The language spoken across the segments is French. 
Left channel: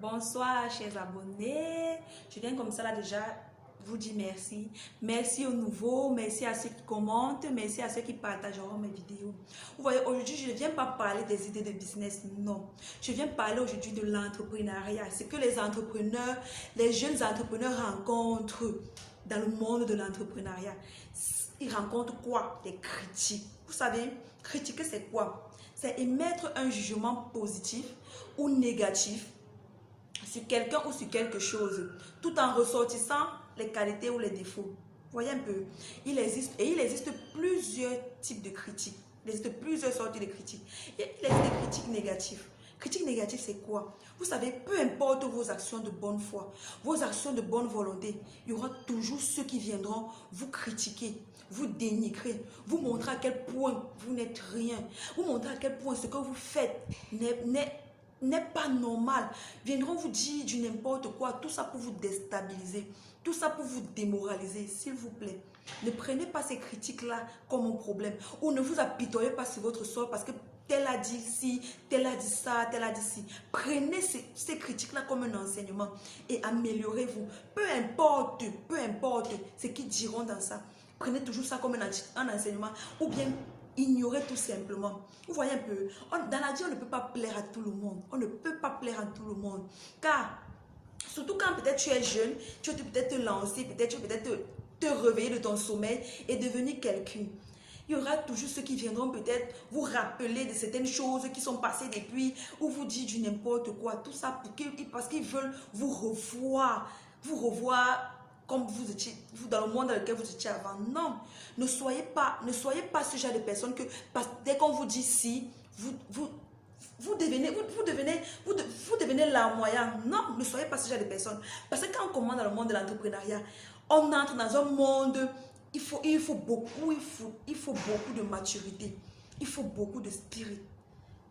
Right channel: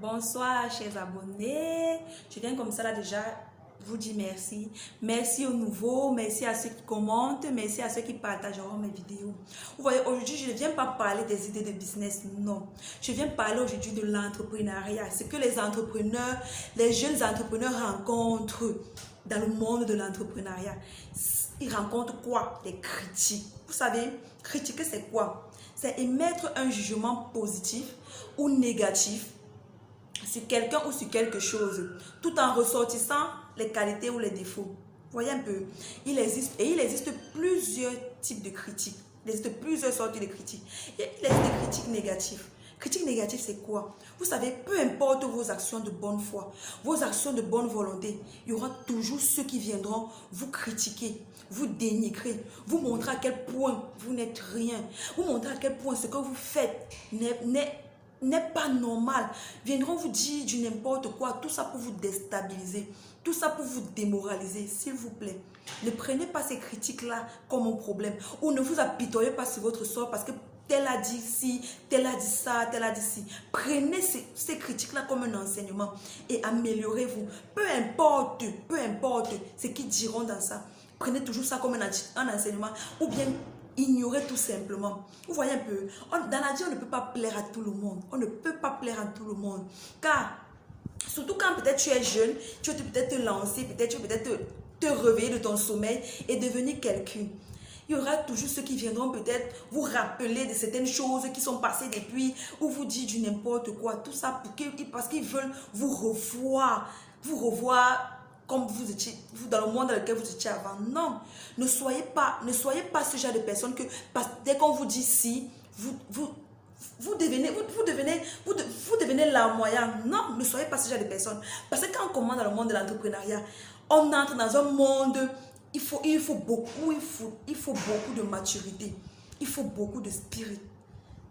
Bonsoir, chers abonnés. Je viens comme ça là déjà vous dire merci. Merci aux nouveaux, merci à ceux qui commentent, merci à ceux qui partageront mes vidéos. Vous voyez, aujourd'hui, je ne viens pas parler des idées de business, non. Je viens parler aujourd'hui de l'entrepreneuriat. Ce que les entrepreneurs, les jeunes entrepreneurs rencontrent dans le monde de l'entrepreneuriat. Ils rencontrent quoi? Des critiques. Vous savez, critiquer c'est quoi? C'est émettre un jugement positif ou négatif sur quelqu'un ou sur quelque chose, tout en ressortissant les qualités ou les défauts. Voyez un peu, il existe plusieurs types de critiques. Il existe plusieurs sortes de critiques. Il existe des critiques négatives. Critique négative, c'est quoi? Vous savez, peu importe vos actions de bonne foi, vos actions de bonne volonté, il y aura toujours ceux qui viendront vous critiquer, vous dénigrer, vous montrer à quel point vous n'êtes rien, vous montrer à quel point ce que vous faites n'est pas normal. Viendront vous dire du n'importe quoi, tout ça pour vous déstabiliser, tout ça pour vous démoraliser. S'il vous plaît, ne prenez pas ces critiques-là comme un problème, ou ne vous apitoyez pas sur votre sort parce que tel a dit ci, tel a dit ça, tel a dit ci. Prenez ces critiques-là comme un enseignement et améliorez-vous. Peu importe ce qu'ils diront dans ça. Prenez toujours ça comme un enseignement ou bien ignorez tout simplement. Vous voyez un peu, dans la vie, on ne peut pas plaire à tout le monde. On ne peut pas plaire à tout le monde. Car, surtout quand peut-être tu es jeune, tu veux peut-être te lancer, peut-être tu veux peut-être te réveiller de ton sommeil et devenir quelqu'un. Il y aura toujours ceux qui viendront peut-être vous rappeler de certaines choses qui sont passées depuis ou vous dire du n'importe quoi. Tout ça parce qu'ils veulent vous revoir comme vous étiez, vous dans le monde dans lequel vous étiez avant. Non, ne soyez pas ce genre de personne que dès qu'on vous dit si, vous devenez larmoyant. Non, ne soyez pas ce genre de personne. Parce que quand on commence dans le monde de l'entrepreneuriat, on entre dans un monde, il faut beaucoup de maturité. Il faut beaucoup de spirit.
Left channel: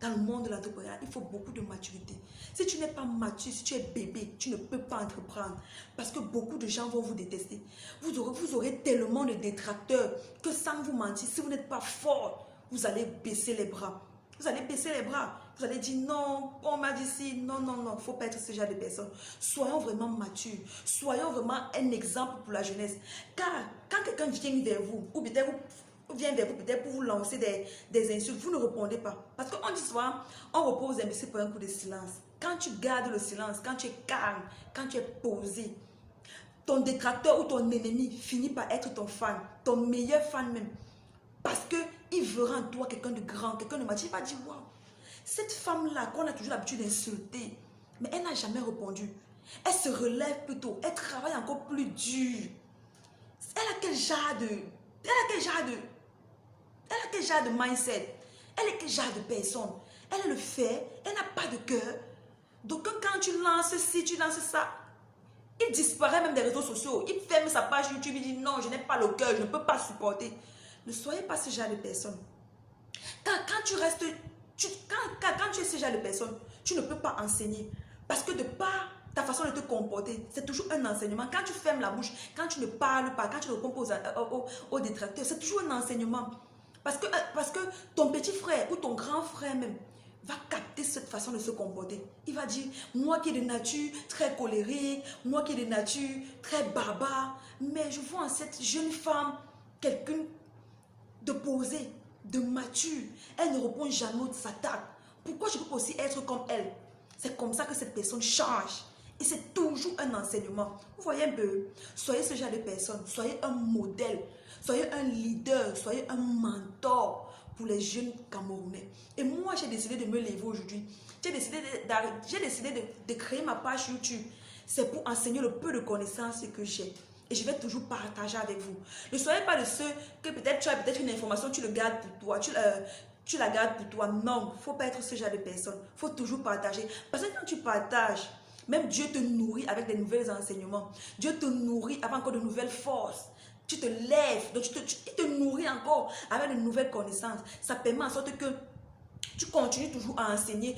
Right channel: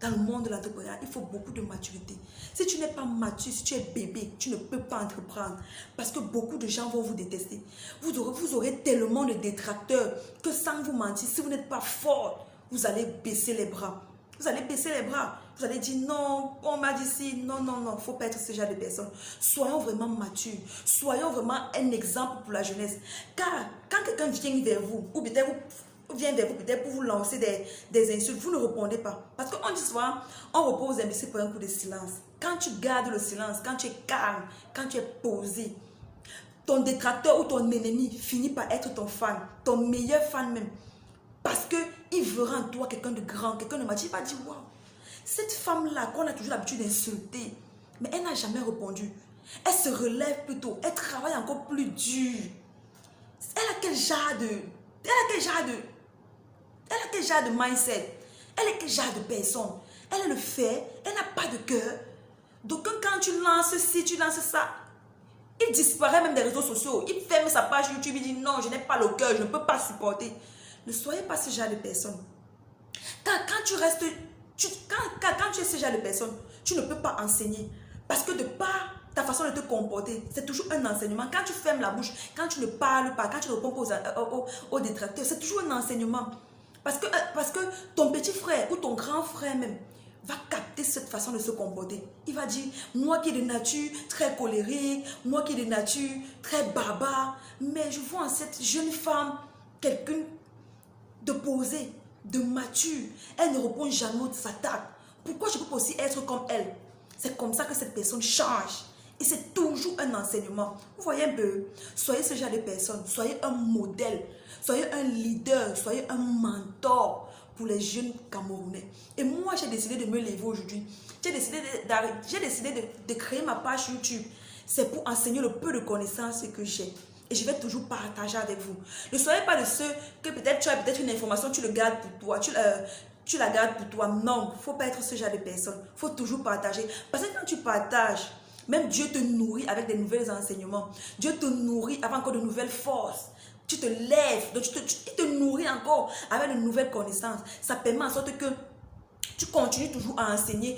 Dans le monde de l'entrepreneuriat, il faut beaucoup de maturité. Si tu n'es pas mature, si tu es bébé, tu ne peux pas entreprendre. Parce que beaucoup de gens vont vous détester. Vous aurez tellement de détracteurs que sans vous mentir, si vous n'êtes pas fort, vous allez baisser les bras. Vous allez baisser les bras. Vous allez dire non, on m'a dit si. Non, non, non, il ne faut pas être ce genre de personne. Soyons vraiment matures. Soyons vraiment un exemple pour la jeunesse. Car quand quelqu'un vient vers vous, ou peut-être vient vers vous peut-être pour vous lancer des insultes, vous ne répondez pas. Parce qu'on dit souvent, on repose aux imbéciles pour un coup de silence. Quand tu gardes le silence, quand tu es calme, quand tu es posé, ton détracteur ou ton ennemi finit par être ton fan, ton meilleur fan même. Parce qu'il verra en toi quelqu'un de grand, quelqu'un de mature. Il va dire, waouh, cette femme-là qu'on a toujours l'habitude d'insulter, mais elle n'a jamais répondu. Elle se relève plutôt, elle travaille encore plus dur. Elle a quel genre de mindset? Elle est quel genre de personne? Elle est le fait, elle n'a pas de cœur. Donc quand tu lances ci, tu lances ça, il disparaît même des réseaux sociaux. Il ferme sa page YouTube, il dit non, je n'ai pas le cœur, je ne peux pas supporter. Ne soyez pas ce genre de personne. Quand tu es ce genre de personne, tu ne peux pas enseigner. Parce que de par ta façon de te comporter, c'est toujours un enseignement. Quand tu fermes la bouche, quand tu ne parles pas, quand tu ne réponds pas aux détracteurs, c'est toujours un enseignement. Parce que ton petit frère ou ton grand frère même va capter cette façon de se comporter. Il va dire, moi qui est de nature très colérique, moi qui est de nature très barbare, mais je vois en cette jeune femme quelqu'un de posé, de mature. Elle ne répond jamais aux attaques. Pourquoi je peux aussi être comme elle? C'est comme ça que cette personne change. Et c'est toujours un enseignement. Vous voyez un peu? Soyez ce genre de personne. Soyez un modèle. Soyez un leader. Soyez un mentor pour les jeunes Camerounais. Et moi, j'ai décidé de me lever aujourd'hui. J'ai décidé de créer ma page YouTube. C'est pour enseigner le peu de connaissances que j'ai. Et je vais toujours partager avec vous. Ne soyez pas de ceux que peut-être tu as peut-être une information, tu le gardes pour toi. Tu la gardes pour toi. Non, il ne faut pas être ce genre de personne. Il faut toujours partager. Parce que quand tu partages, même Dieu te nourrit avec des nouveaux enseignements. Dieu te nourrit avec encore de nouvelles forces. Tu te lèves, donc il te nourrit encore avec de nouvelles connaissances. Ça permet en sorte que tu continues toujours à enseigner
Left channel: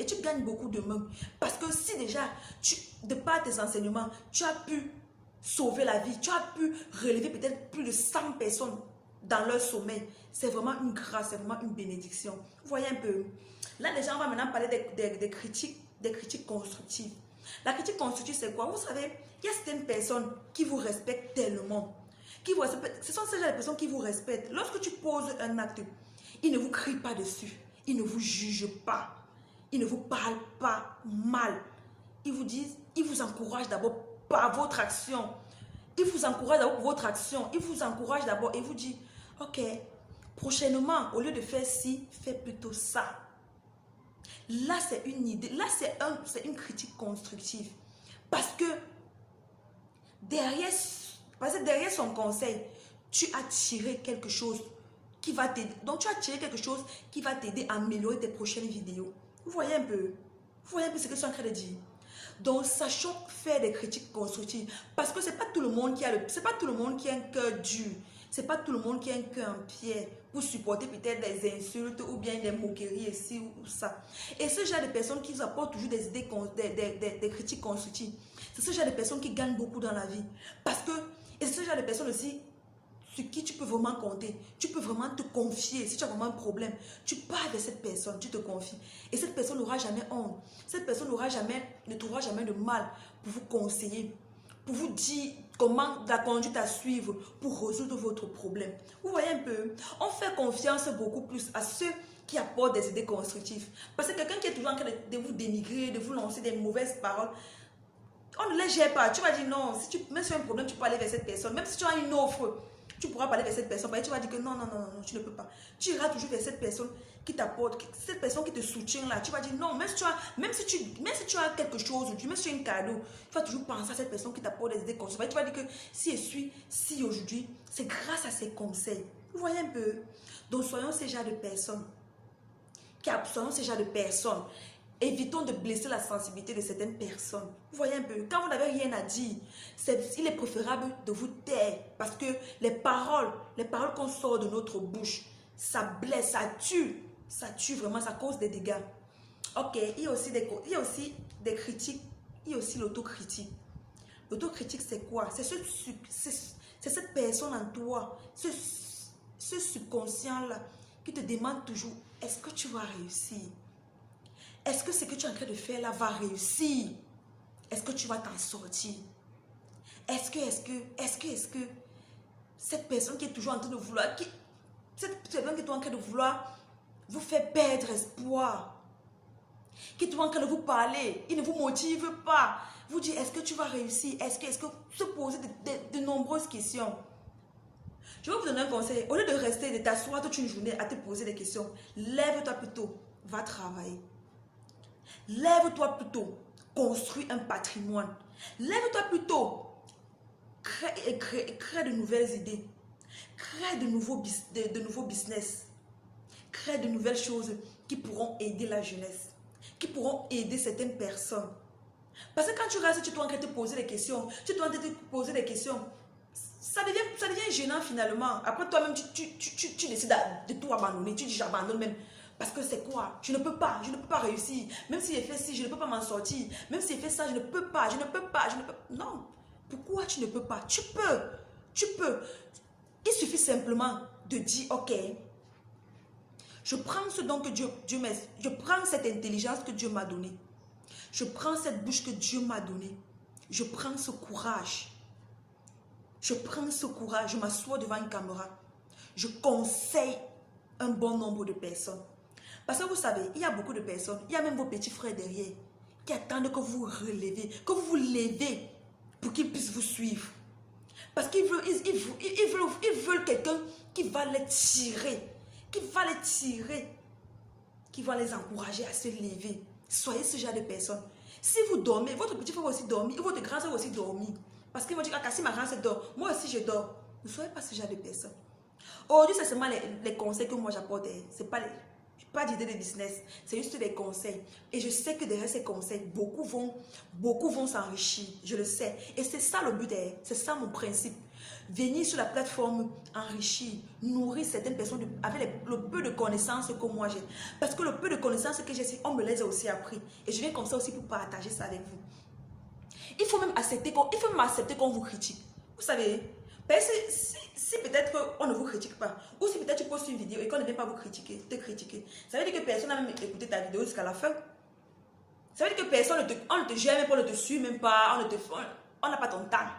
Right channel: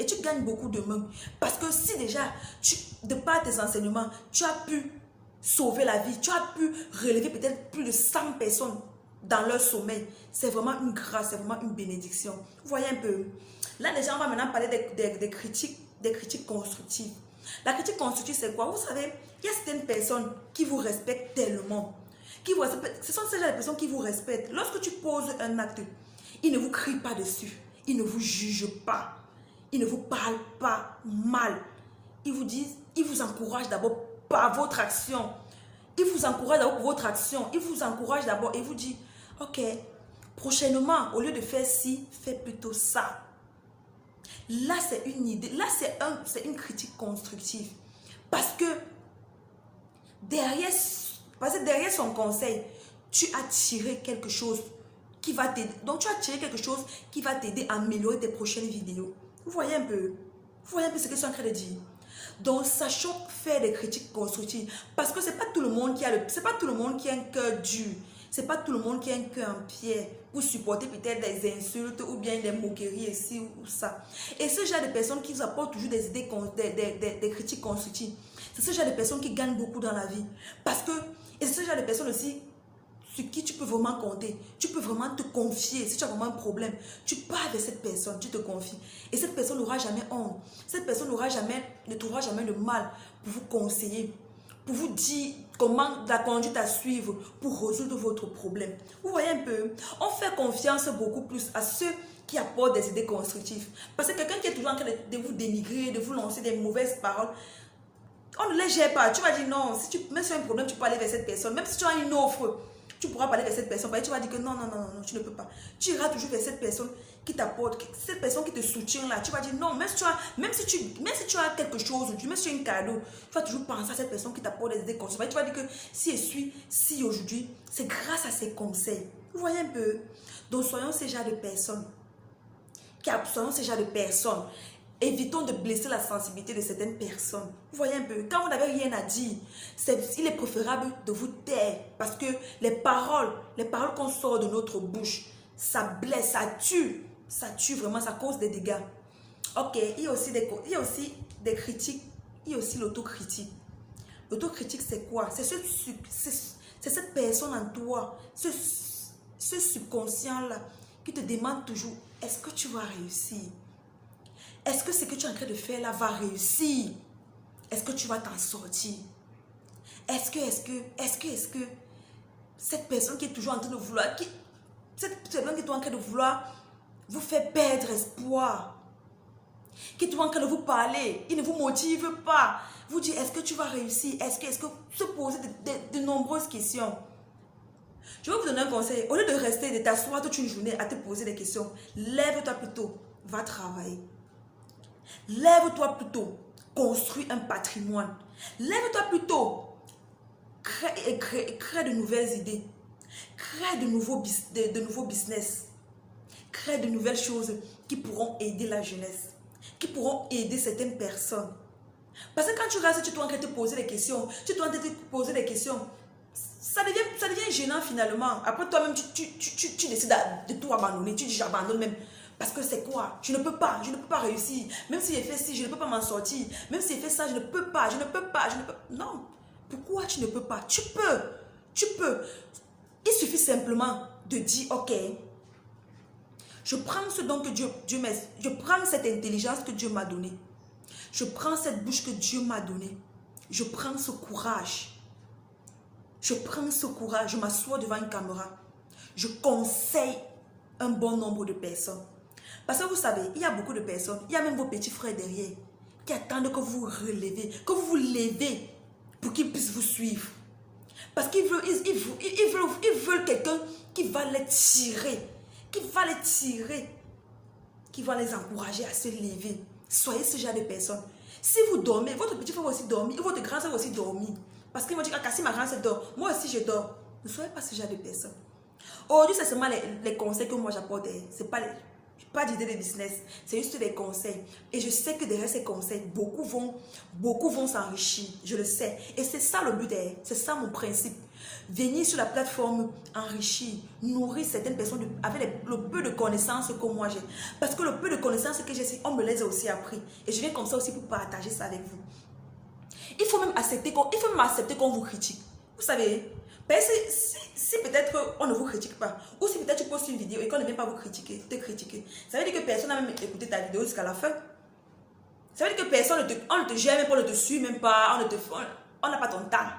et tu gagnes beaucoup de mains. Parce que si déjà, de par tes enseignements, tu as pu sauver la vie, tu as pu relever peut-être plus de 100 personnes dans leur sommeil, c'est vraiment une grâce, c'est vraiment une bénédiction. Vous voyez un peu. Là déjà, on va maintenant parler des critiques des critiques constructives. La critique constructive, c'est quoi? Vous savez, il y a certaines personnes qui vous respectent tellement. Ce sont ces gens de personnes qui vous respectent. Lorsque tu poses un acte, ils ne vous crient pas dessus. Ils ne vous jugent pas. Ils ne vous parlent pas mal. Ils vous disent, ils vous encouragent d'abord par votre action. Ils vous encouragent d'abord pour votre action. Ils vous encouragent d'abord et vous disent, ok, prochainement, au lieu de faire ci, fais plutôt ça. Là, c'est une idée. Là, c'est une critique constructive. Parce que derrière son conseil, tu as tiré quelque chose qui va t'aider. Donc, tu as tiré quelque chose qui va t'aider à améliorer tes prochaines vidéos. Vous voyez un peu? Vous voyez un peu ce que je suis en train de dire? Donc, sachons faire des critiques constructives. Parce que c'est pas tout le monde qui a un cœur dur. C'est pas tout le monde qui a un cœur en pierre pour supporter peut-être des insultes ou bien des moqueries ici ou ça. Et ce genre de personnes qui vous apportent toujours des idées, des critiques constructives, c'est ce genre de personnes qui gagnent beaucoup dans la vie. Parce que, et c'est ce genre de personnes aussi sur qui tu peux vraiment compter. Tu peux vraiment te confier. Si tu as vraiment un problème, tu parles de cette personne, tu te confies. Et cette personne n'aura jamais honte. Cette personne ne trouvera jamais de mal pour vous conseiller, pour vous dire comment la conduite à suivre pour résoudre votre problème. Vous voyez un peu? On fait confiance beaucoup plus à ceux qui apportent des idées constructives. Parce que quelqu'un qui est toujours en train de vous dénigrer, de vous lancer des mauvaises paroles, on ne les gère pas. Tu vas dire non, même si tu as un problème, tu peux aller vers cette personne. Même si tu as une offre, tu pourras parler vers cette personne. Tu vas dire que non, tu ne peux pas. Tu iras toujours vers cette personne qui t'apporte, cette personne qui te soutient là. Tu vas dire non, même si tu as quelque chose, même si tu as un cadeau, tu vas toujours penser à cette personne qui t'apporte des idées conseils. Tu vas dire que si aujourd'hui, c'est grâce à ses conseils. Vous voyez un peu? Donc soyons ces genres de personnes. Soyons ces genres de personnes. Évitons de blesser la sensibilité de certaines personnes. Vous voyez un peu, quand vous n'avez rien à dire, il est préférable de vous taire. Parce que les paroles qu'on sort de notre bouche, ça blesse, ça tue. Ça tue vraiment, ça cause des dégâts. Ok, il y a aussi des critiques, il y a aussi l'autocritique. L'autocritique, c'est quoi? C'est cette personne en toi, ce subconscient-là, qui te demande toujours, est-ce que tu vas réussir? Est-ce que ce que tu es en train de faire là va réussir? Est-ce que tu vas t'en sortir? Est-ce que cette personne qui est toujours en train de vouloir, cette personne qui est en train de vouloir vous faire perdre espoir, qui est toujours en train de vous parler, il ne vous motive pas, vous dit est-ce que tu vas réussir? Est-ce que se poser de nombreuses questions. Je vais vous donner un conseil. Au lieu de rester, de t'asseoir toute une journée à te poser des questions, lève-toi plutôt, va travailler. Lève-toi plutôt, construis un patrimoine. Lève-toi plutôt, crée de nouvelles idées. Crée de nouveaux business. Crée de nouvelles choses qui pourront aider la jeunesse. Qui pourront aider certaines personnes. Parce que quand tu restes, tu dois te poser des questions. Ça devient gênant finalement. Après toi-même, tu décides de tout abandonner. Tu dis j'abandonne même. Parce que c'est quoi? Je ne peux pas réussir. Même si j'ai fait ci, je ne peux pas m'en sortir. Même si j'ai fait ça, je ne peux pas. Non. Pourquoi tu ne peux pas? Tu peux. Il suffit simplement de dire, ok, je prends ce don que Dieu m'a, je prends cette intelligence que Dieu m'a donnée. Je prends cette bouche que Dieu m'a donnée. Je prends ce courage. Je m'assois devant une caméra. Je conseille un bon nombre de personnes. Parce que vous savez, il y a beaucoup de personnes, il y a même vos petits frères derrière, qui attendent que vous vous levez pour qu'ils puissent vous suivre. Parce qu'ils veulent quelqu'un qui va les tirer, qui va les encourager à se lever. Soyez ce genre de personnes. Si vous dormez, votre petit frère va aussi dormir, et votre grand frère va aussi dormir. Parce qu'ils vont dire, si ma grand frère dort, moi aussi je dors. Ne soyez pas ce genre de personnes. Aujourd'hui, c'est seulement les conseils que moi j'apporte. C'est pas d'idée de business, c'est juste des conseils. Et je sais que derrière ces conseils, beaucoup vont s'enrichir. Je le sais. Et c'est ça le but derrière. C'est ça mon principe. Venir sur la plateforme, enrichir, nourrir certaines personnes avec le peu de connaissances que moi j'ai. Parce que le peu de connaissances que j'ai, on me les a aussi appris. Et je viens comme ça aussi pour partager ça avec vous. Il faut même accepter qu'on vous critique. Vous savez, si peut-être on ne vous critique pas, ou si peut-être tu postes une vidéo et qu'on ne vient pas te critiquer, ça veut dire que personne n'a même écouté ta vidéo jusqu'à la fin. Ça veut dire que personne on ne te gère même pas, on ne te suit même pas, on n'a pas ton temps.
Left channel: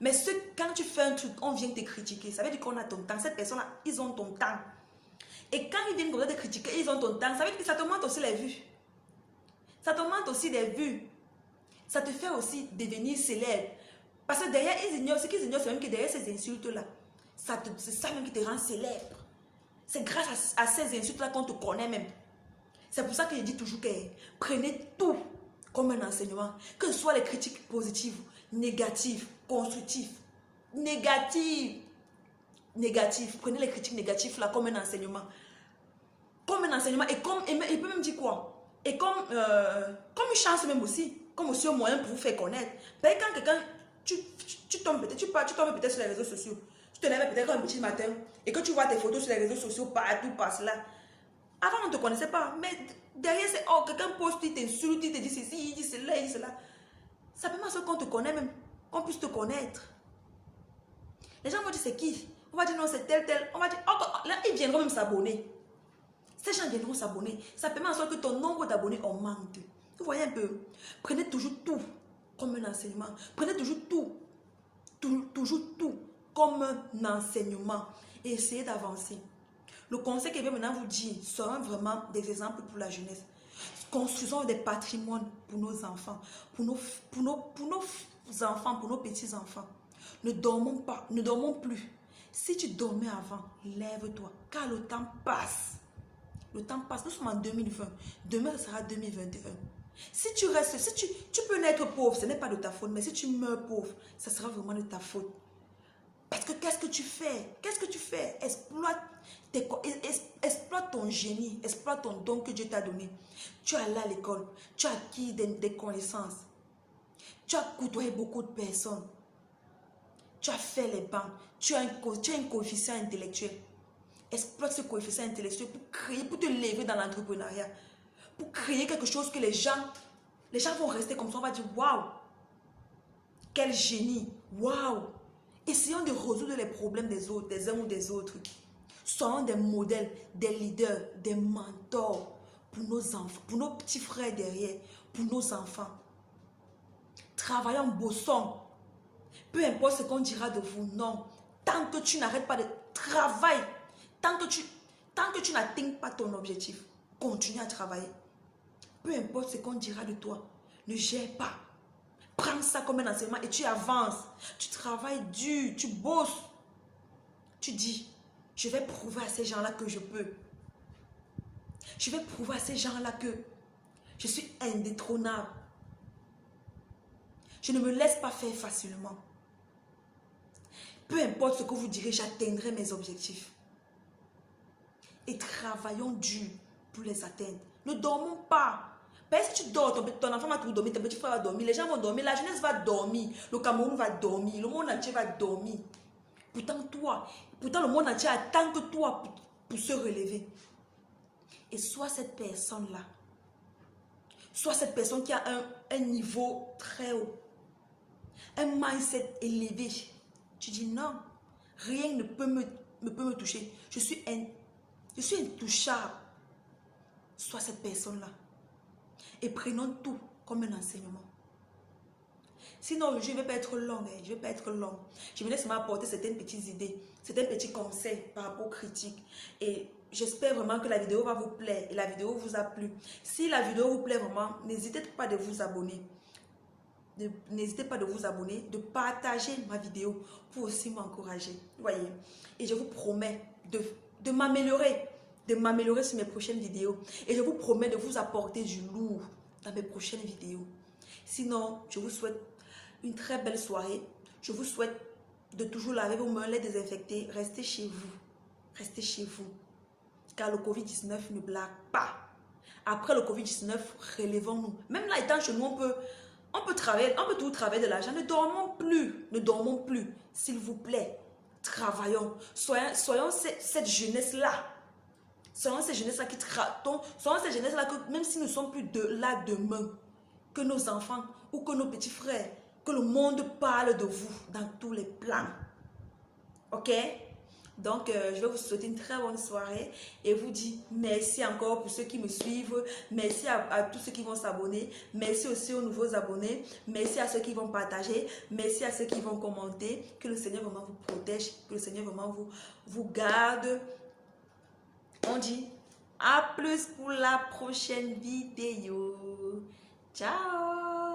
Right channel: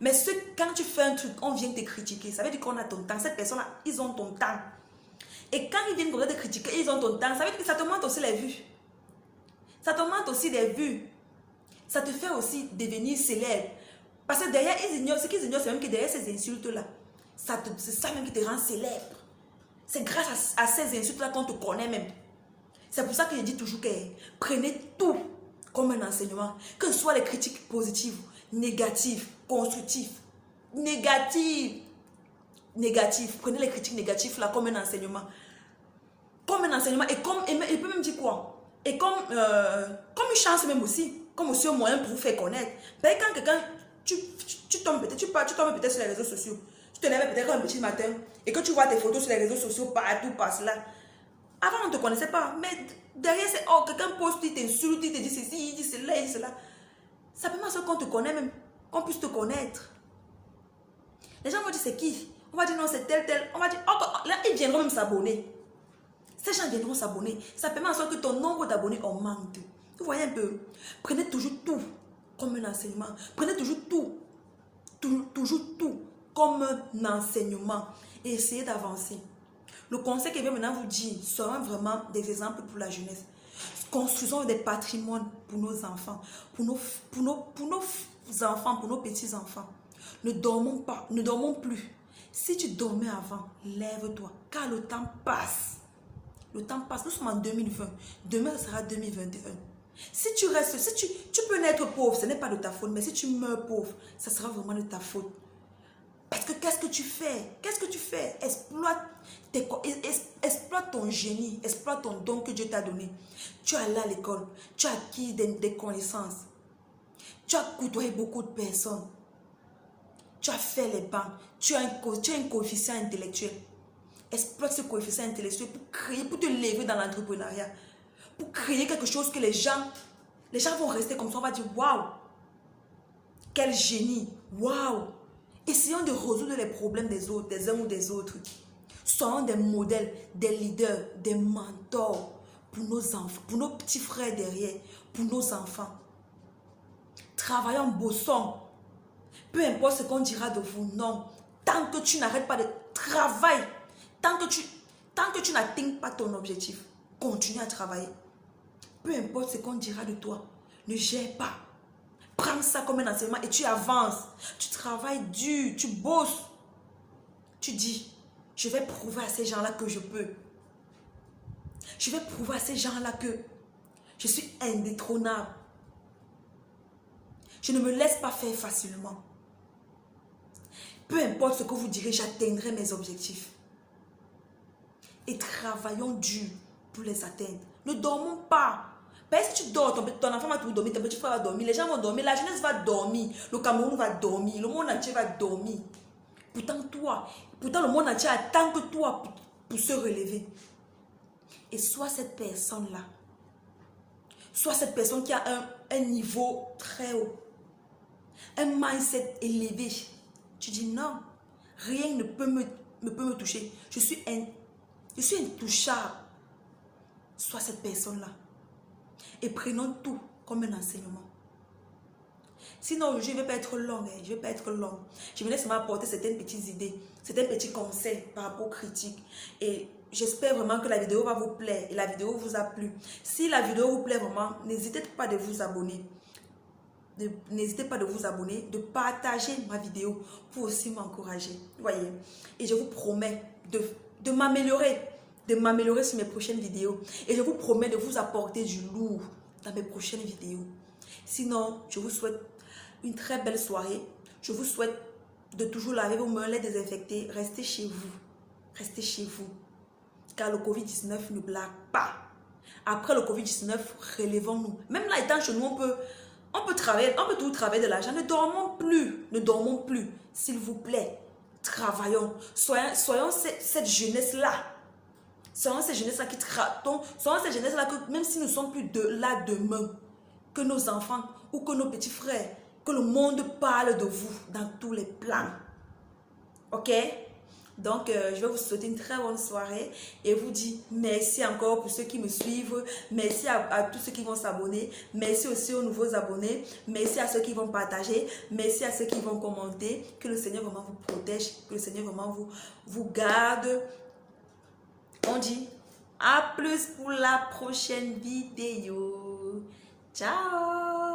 Mais quand tu fais un truc, on vient te critiquer. Ça veut dire qu'on a ton temps. Cette personne-là, ils ont ton temps. Et quand ils viennent te critiquer, ils ont ton temps. Ça veut dire que ça te montre aussi les vues. Ça te montre aussi des vues. Ça te fait aussi devenir célèbre. Parce que derrière, ce qu'ils ignorent, c'est même que derrière ces insultes-là, c'est ça même qui te rend célèbre. C'est grâce à ces insultes-là qu'on te connaît même. C'est pour ça que je dis toujours que prenez tout comme un enseignement. Que ce soit les critiques positives, négatives, constructives, négatives. Prenez les critiques négatives là comme un enseignement. Comme un enseignement. Et il peut même dire quoi? Et comme une chance même aussi. Comme aussi un moyen pour vous faire connaître. Ben, quand quelqu'un, tu tombes peut-être sur les réseaux sociaux. Tu te lèves peut-être un petit matin et que tu vois tes photos sur les réseaux sociaux partout, par cela. Avant, on ne te connaissait pas. Mais derrière, c'est quelqu'un poste, il t'insulte, il te dit ceci, il dit cela, il dit cela. Ça permet à ce qu'on te connaît même, qu'on puisse te connaître. Les gens vont dire c'est qui? On va dire non, c'est tel. On va dire, là, ils viendront même s'abonner. Ces gens viendront s'abonner. Ça permet à ce que ton nombre d'abonnés augmente. Vous voyez un peu? Prenez toujours tout comme un enseignement. Prenez toujours tout comme un enseignement. Et essayez d'avancer. Le conseil que je vais maintenant vous dire sera vraiment des exemples pour la jeunesse. Construisons des patrimoines pour nos enfants, pour nos enfants, pour nos petits-enfants. Ne dormons pas, ne dormons plus. Si tu dormais avant, lève-toi, car le temps passe. Le temps passe, nous sommes en 2020. Demain, ça sera 2021. Si tu restes, si tu peux naître pauvre, ce n'est pas de ta faute, mais si tu meurs pauvre, ça sera vraiment de ta faute. Parce que qu'est-ce que tu fais? Exploite ton génie, exploite ton don que Dieu t'a donné. Tu es allé à l'école, tu as acquis des connaissances, tu as côtoyé beaucoup de personnes, tu as fait les banques, tu as un coefficient intellectuel. Exploite ce coefficient intellectuel pour te lever dans l'entrepreneuriat, pour créer quelque chose que les gens vont rester comme ça, on va dire waouh, quel génie, waouh. Essayons de résoudre les problèmes des autres, des uns ou des autres. Soyons des modèles, des leaders, des mentors pour nos enfants, pour nos petits frères derrière, pour nos enfants. Travaillons, bossons. Peu importe ce qu'on dira de vous, non. Tant que tu n'arrêtes pas de travailler, tant que tu n'atteins pas ton objectif, continue à travailler. Peu importe ce qu'on dira de toi, ne gère pas. Prends ça comme un enseignement et tu avances. Tu travailles dur, tu bosses. Tu dis, je vais prouver à ces gens-là que je peux. Je vais prouver à ces gens-là que je suis indétrônable. Je ne me laisse pas faire facilement. Peu importe ce que vous direz, j'atteindrai mes objectifs. Et travaillons dur pour les atteindre. Ne dormons pas. Parce que tu dors, ton enfant va tout dormir, ton petit frère va dormir, les gens vont dormir, la jeunesse va dormir, le Cameroun va dormir, le monde entier va dormir. Pourtant le monde entier attend que toi pour se relever. Et sois cette personne-là. Sois cette personne qui a un niveau très haut. Un mindset élevé. Tu dis non, rien ne peut me toucher. Je suis intouchable. Sois cette personne-là. Et prenons tout comme un enseignement. Sinon, je ne vais pas être long. Je ne vais pas être long. Je vais laisser m'apporter certaines petites idées, certains petits conseils par rapport aux critiques. Et j'espère vraiment que la vidéo va vous plaire et la vidéo vous a plu. Si la vidéo vous plaît vraiment, n'hésitez pas de vous abonner. N'hésitez pas de vous abonner, de partager ma vidéo pour aussi m'encourager. Voyez. Et je vous promets de m'améliorer sur mes prochaines vidéos. Et je vous promets de vous apporter du lourd dans mes prochaines vidéos. Sinon, je vous souhaite une très belle soirée. Je vous souhaite de toujours laver vos mains, les désinfecter. Restez chez vous. Restez chez vous. Car le Covid-19 ne blague pas. Après le Covid-19, relevons-nous. Même là, étant chez nous, on peut travailler, on peut tout travailler de l'argent. Ne dormons plus. S'il vous plaît, travaillons. Soyons cette jeunesse-là. Soyons cette jeunesse-là qui travaillons. Soyons cette jeunesse-là que même si nous ne sommes plus là demain, que nos enfants ou que nos petits frères, que le monde parle de vous dans tous les plans. Ok? Donc, je vais vous souhaiter une très bonne soirée et vous dire merci encore pour ceux qui me suivent. Merci à tous ceux qui vont s'abonner. Merci aussi aux nouveaux abonnés. Merci à ceux qui vont partager. Merci à ceux qui vont commenter. Que le Seigneur vraiment vous protège. Que le Seigneur vraiment vous garde. On dit à plus pour la prochaine vidéo. Ciao!